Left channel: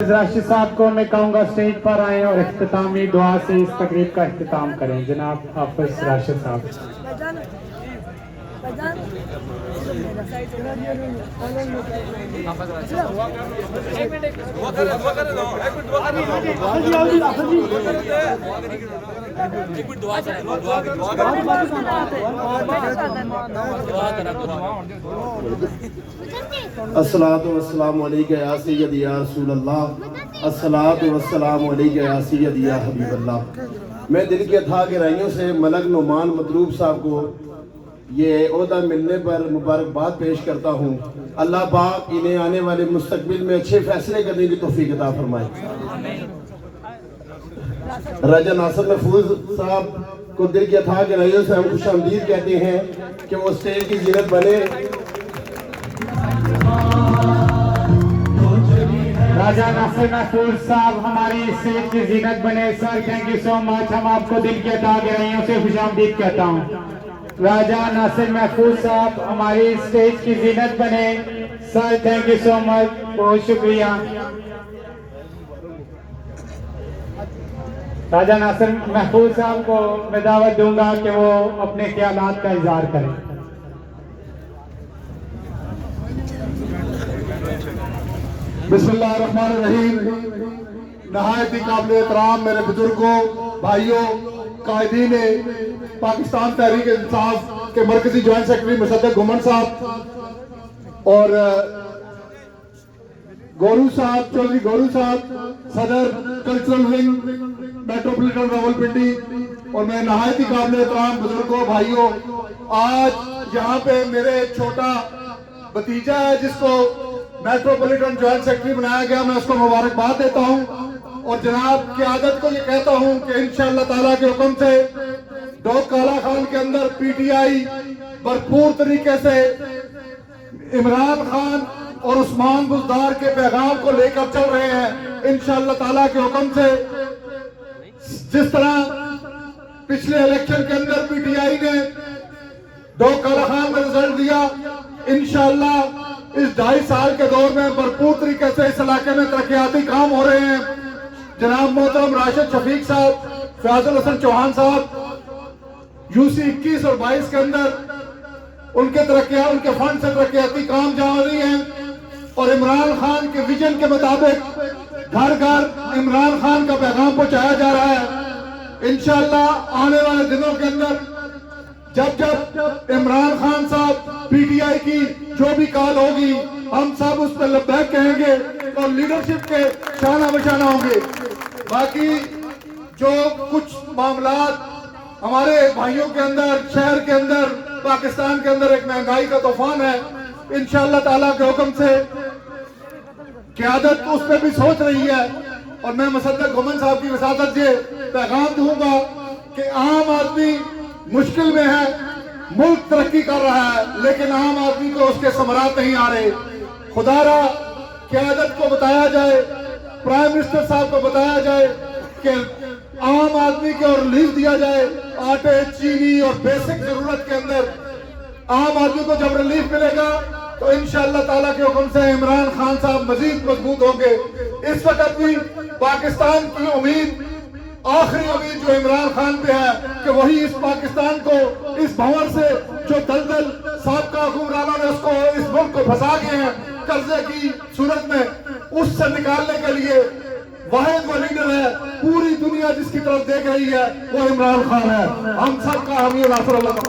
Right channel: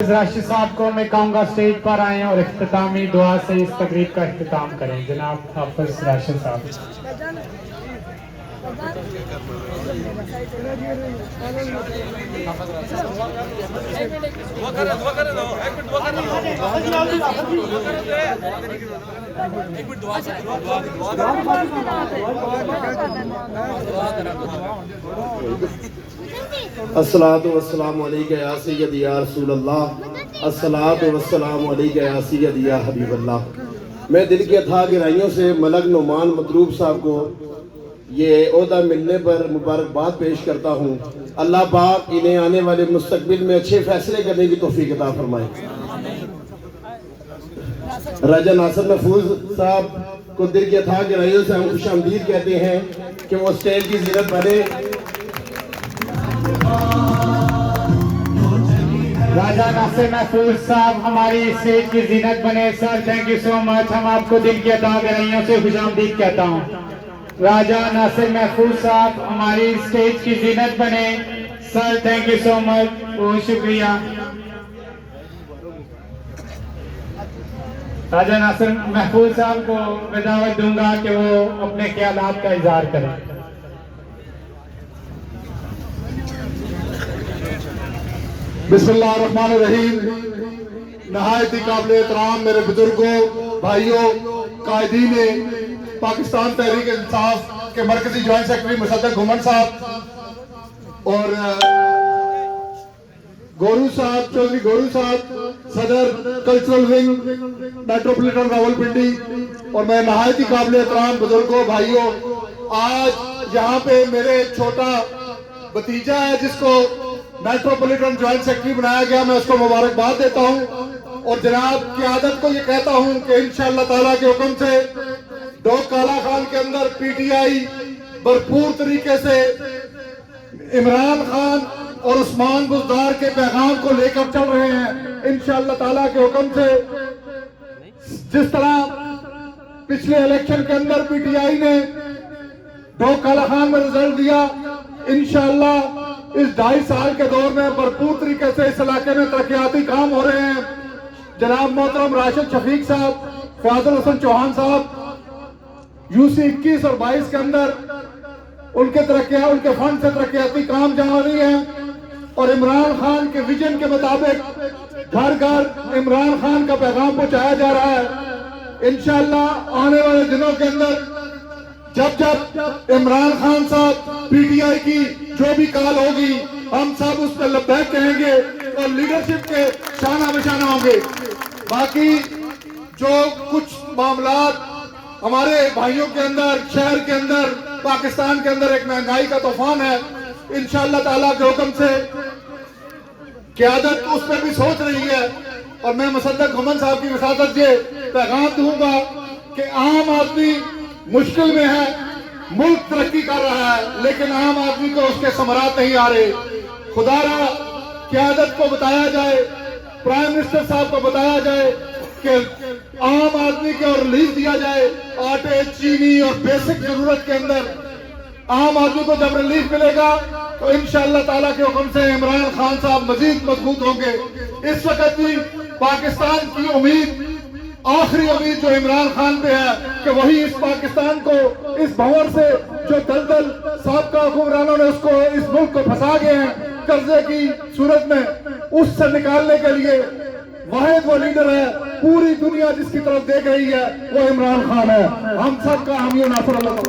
راشد صاحب کو میں کہوں گا اسٹیج پر آئیں اور اختتامی دعا سے اس تقریب کا اختتام کریں. جناب حافظ راشد صاحب. الصلاۃ والسلام علیک یا سیدی یا رسول اللہ، الصلاۃ والسلام علیک یا سیدی یا حبیب اللہ. میں دل کے تھا گہرائیوں سے ملک نعمان مطلوب صاحب کو یہ عہدہ ملنے پر مبارکباد پیش کرتا ہوں. اللہ پاک انہیں آنے والے مستقبل میں اچھے فیصلے کرنے کی توفیق عطا فرمائے. راجہ ناصر محفوظ صاحب کو دل کے تھا گہرائیوں سے ہم خوش آمدید کہتے ہیں کہ وہ اسٹیج کی زینت بنے. راجہ ناصر محفوظ صاحب ہماری اسٹیج کی زینت بنے. سر تھینک یو سو مچ. ہم آپ کو دل کی عطا گہرائیوں سے خوش آمدید کہتا ہوں. راجہ ناصر محفوظ صاحب ہماری اسٹیج کی زینت بنے. سر تھینک یو سو مچ. بہت شکریہ. راجہ ناصر محفوظ صاحب کو میں دعوت دوں گا کہ وہ اپنے خیالات کا اظہار کریں. بسم اللہ الرحمن الرحیم. نہایت ہی قابل احترام میرے بزرگوں، بھائیوں، قائدین پاکستان تحریک انصاف کے مرکزی جوائنٹ سیکرٹری مصدق گھمن صاحب اور گورو صاحب، چودھری گورو صاحب، صدر کلچرل ونگ میٹروپولیٹن راولپنڈی، اور میں نہایت ہی قابل احترام بزرگوں، بھائیوں، آج یہاں پہ میرے چھوٹا بھتیجا ہے جس کو میٹروپولیٹن جوائنٹ سیکرٹری بنایا گیا. میں اس کو مبارکباد دیتا ہوں اور جناب قیادت کو یہ کہتا ہوں کہ انشاءاللہ تعالیٰ کے حکم سے ڈوک کالا خان کے اندر پی ٹی آئی بھرپور طریقے سے عمران خان اور عثمان بزدار کے پیغام کو لے کر چل رہے ہیں. انشاءاللہ تعالیٰ کے حکم سے جس طرح پچھلے الیکشن کے اندر پی ٹی آئی نے ڈوک کالا خان میں رزلٹ دیا، انشاءاللہ اس 2.5 سال کے دور میں بھرپور طریقے سے اس علاقے میں ترقیاتی کام ہو رہے ہیں. جناب محترم راشد شفیق صاحب، فاضل حسن چوہان صاحب یو سی 21 اور 22 کے اندر ان کے فنڈ سے ترقیاتی کام جاری ہیں اور عمران خان کے ویژن کے مطابق گھر گھر عمران خان کا پیغام پہنچایا جا رہا ہے. انشاءاللہ آنے والے دنوں کے اندر جب عمران خان صاحب پی ٹی آئی کی جو بھی کال ہوگی ہم سب اس پہ لبیک کہیں گے اور لیڈرشپ کے شانہ بشانہ ہوں گے. باقی جو کچھ معاملات ہمارے بھائیوں کے اندر، شہر کے اندر، پاکستان کے اندر ایک مہنگائی کا طوفان ہے، انشاءاللہ تعالیٰ کے حکم سے قیادت اس پہ بھی سوچ رہی ہے. اور میں مصدق گھمن صاحب کی وساطت سے پیغام دوں گا کہ عام آدمی مشکل میں ہے، ملک ترقی کر رہا ہے لیکن عام آدمی کو اس کے ثمرات نہیں آ رہے. خدا را قیادت کو بتایا جائے، پرائم منسٹر صاحب کو بتایا جائے کہ عام آدمی کو ریلیف دیا جائے. آٹے، چینی اور بیسک ضرورت کے اندر عام آدمی کو جب ریلیف ملے گا تو انشاءاللہ تعالیٰ کے حکم سے عمران خان صاحب مزید مضبوط ہوں گے. اس وقت کی پاکستان کی امید، آخری امید جو عمران خان پہ ہے کہ وہی اس پاکستان کو اس بھنور سے جو دلدل سابقہ حکمرانوں نے اس ملک کو پھنسا گئے ہیں قرضے کی صورت میں، اس سے نکالنے کے لیے واحد وہ لیڈر ہے پوری دنیا جس کی طرف دیکھ رہی ہے وہ عمران خان ہے. ہم سب کا حامی ناصر اللہ.